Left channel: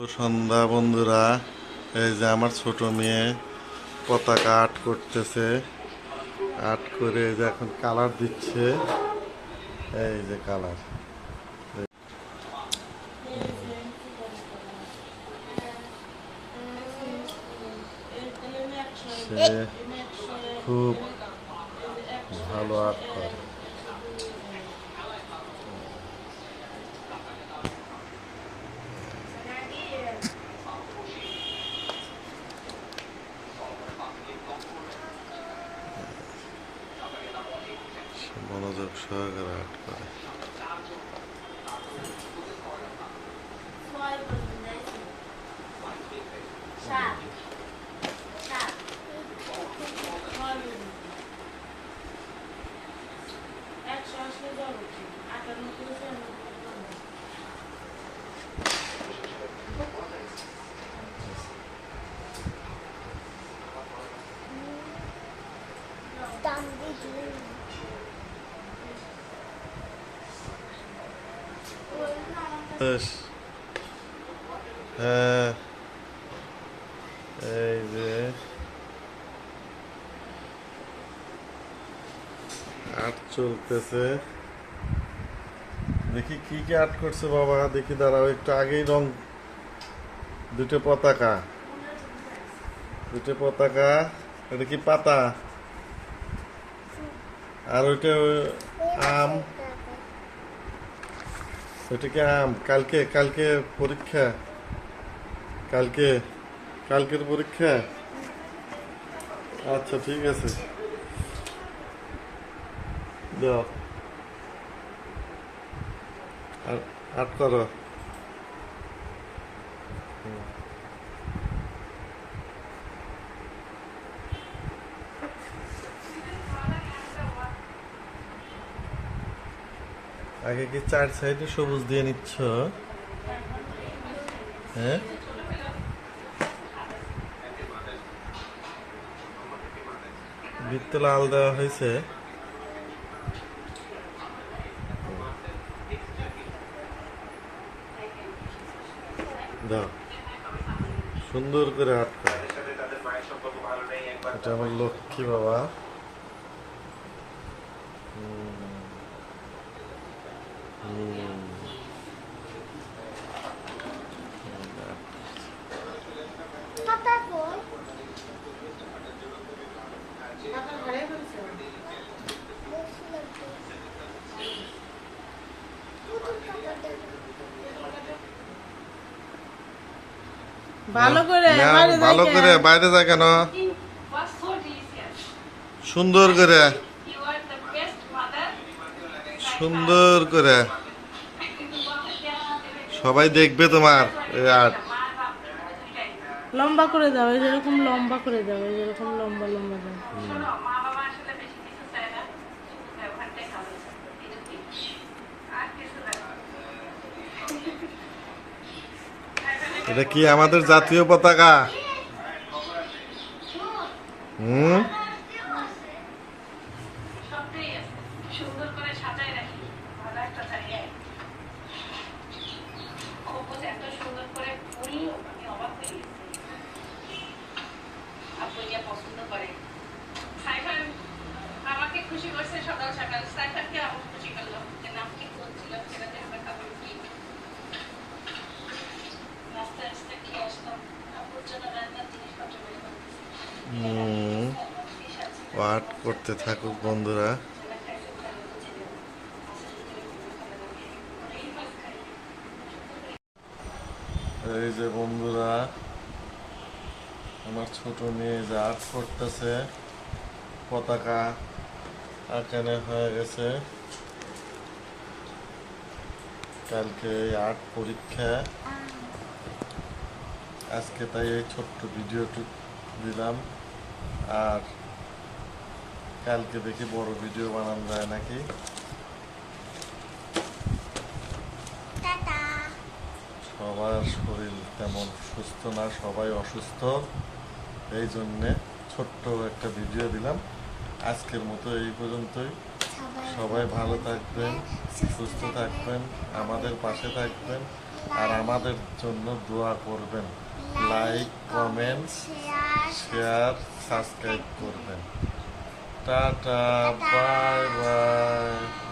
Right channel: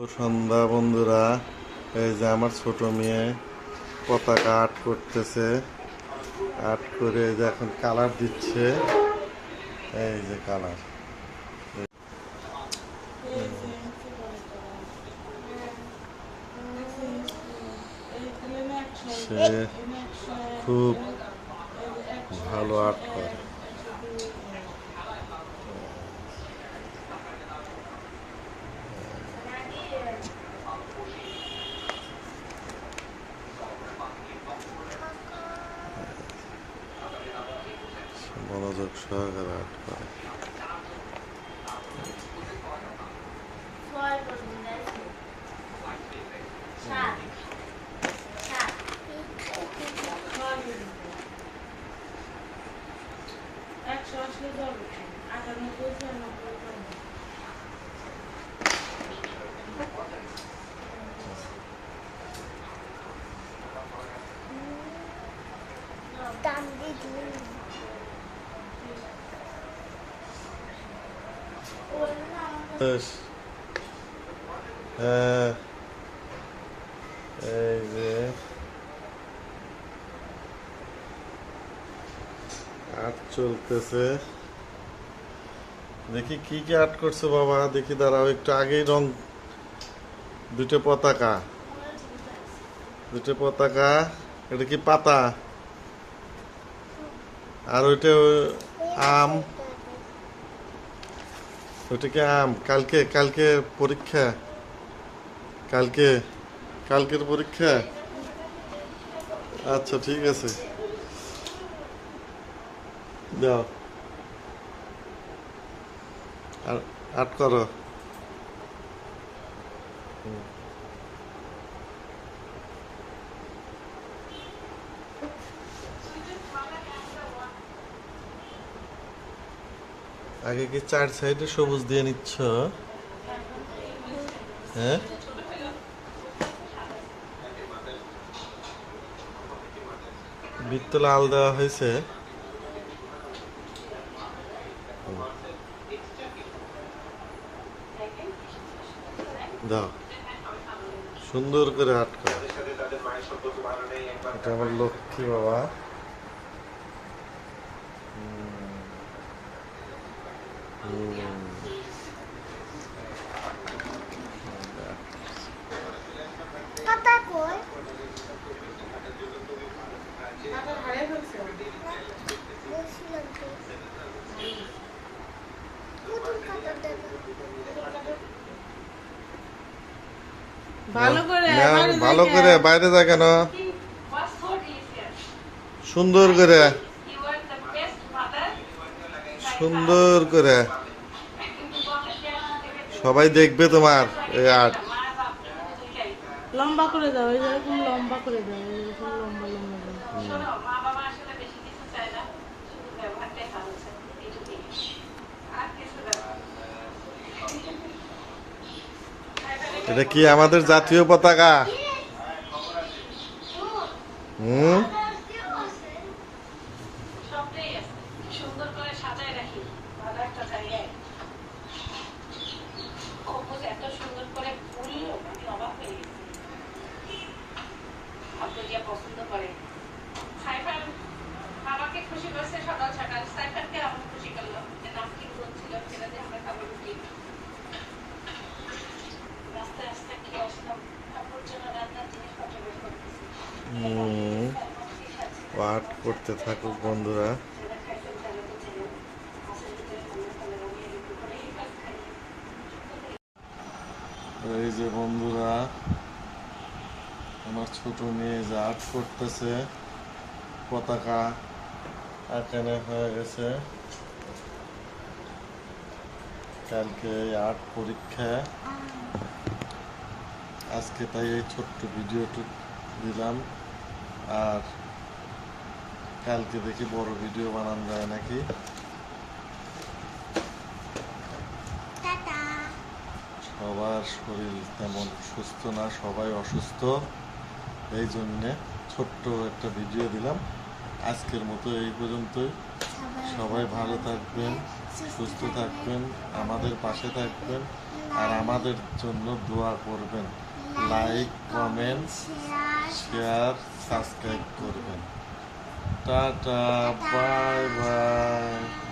সন্ধ্যা, বন্ধুরা, এই যে আমার ছোট মেয়ে পতাকা আর্ট করতেছে। আর্ট করে যে এখন কালার দিচ্ছে। এই যে কালার। সে খুব ভালো আর্ট করে। ಸಾಗರ হ্যাঁ এই যে আর্ট চলতেছে দেখি কি কি আর্ট করছে বাবা দেখি দাঁড়াও একটু আগেই রং দুটো পতাকা দুটো পতাকা এটা কি পাতা আর ওইটা আম ওটা কি আম কালকে কালকে পরীক্ষা। কালকে, কালকের পরীক্ষা। আচ্ছা ঠিক আছে। আর, আট করো। আগে কি চার সাইডে সবুজ দিয়ে নিচ্ছ? হ্যাঁ? বৃত্ত লাল দেওয়া হয়েছে। দাও। সুন্দর করে আটকা এটা আমার লক্ষ্মী বাবা। হুম। ভালো করে বাইরে ভালো করে বাইরে যায় কেন. সুন্দর করে সুন্দর করে সবাই দেখবে তোমার এই আর্ট লম্বা করে দাও এই যেরকম লম্বা করে দাও এই যেরকম লম্বা লম্বা। এটা কি আমাদের জাতীয় পতাকা হুম। সুন্দর করে সাজায় রাখি। ভালো একটা জায়গায়। খোকজ এত সুন্দর করে ফুল আমি অবাক হয়ে গেছি। আপনি যে পছন্দ করে সাইফান আমাকে খুশি করছে সকাল সকাল। সাইফানকে আমার খুশি করল যে নাম কি করছিল সেটা দিয়ে আমরা খাবার উঠি রাস্তায় আস্তে খেয়ে আসলাম? আপুর জন্য রান্নার জিনিসপত্র বের করতেছি। করতে থাকুক বন্ধুরা। এই যে বন্ধুরা, আমার ছোট মেয়ে যে আর্ট করতেছে, পতাকা আঁকানো হয়ে গেছে। কালকে আর্ট পরীক্ষা। আজকে তাই এই ছোট্ট ভিডিওটুক দিলাম। আর কালকে দেখি বড় ভিডিও বানানো যায় নাকি টাটা। সবার শরীর তেমন সুস্থ না সবাই অসুস্থ। এই জন্যে ছোট্ট একটা ভিডিও দিলাম। আজকের মতো এই পর্যন্তই। সবাই ভালো থাকবেন সুস্থ থাকবেন আমাদের পাশে থাকবেন আর আমাদের জন্য দোয়া করবেন। লাইক কমেন্টস শেয়ার সাবস্ক্রাইব করবেন। টাটা। Bye bye.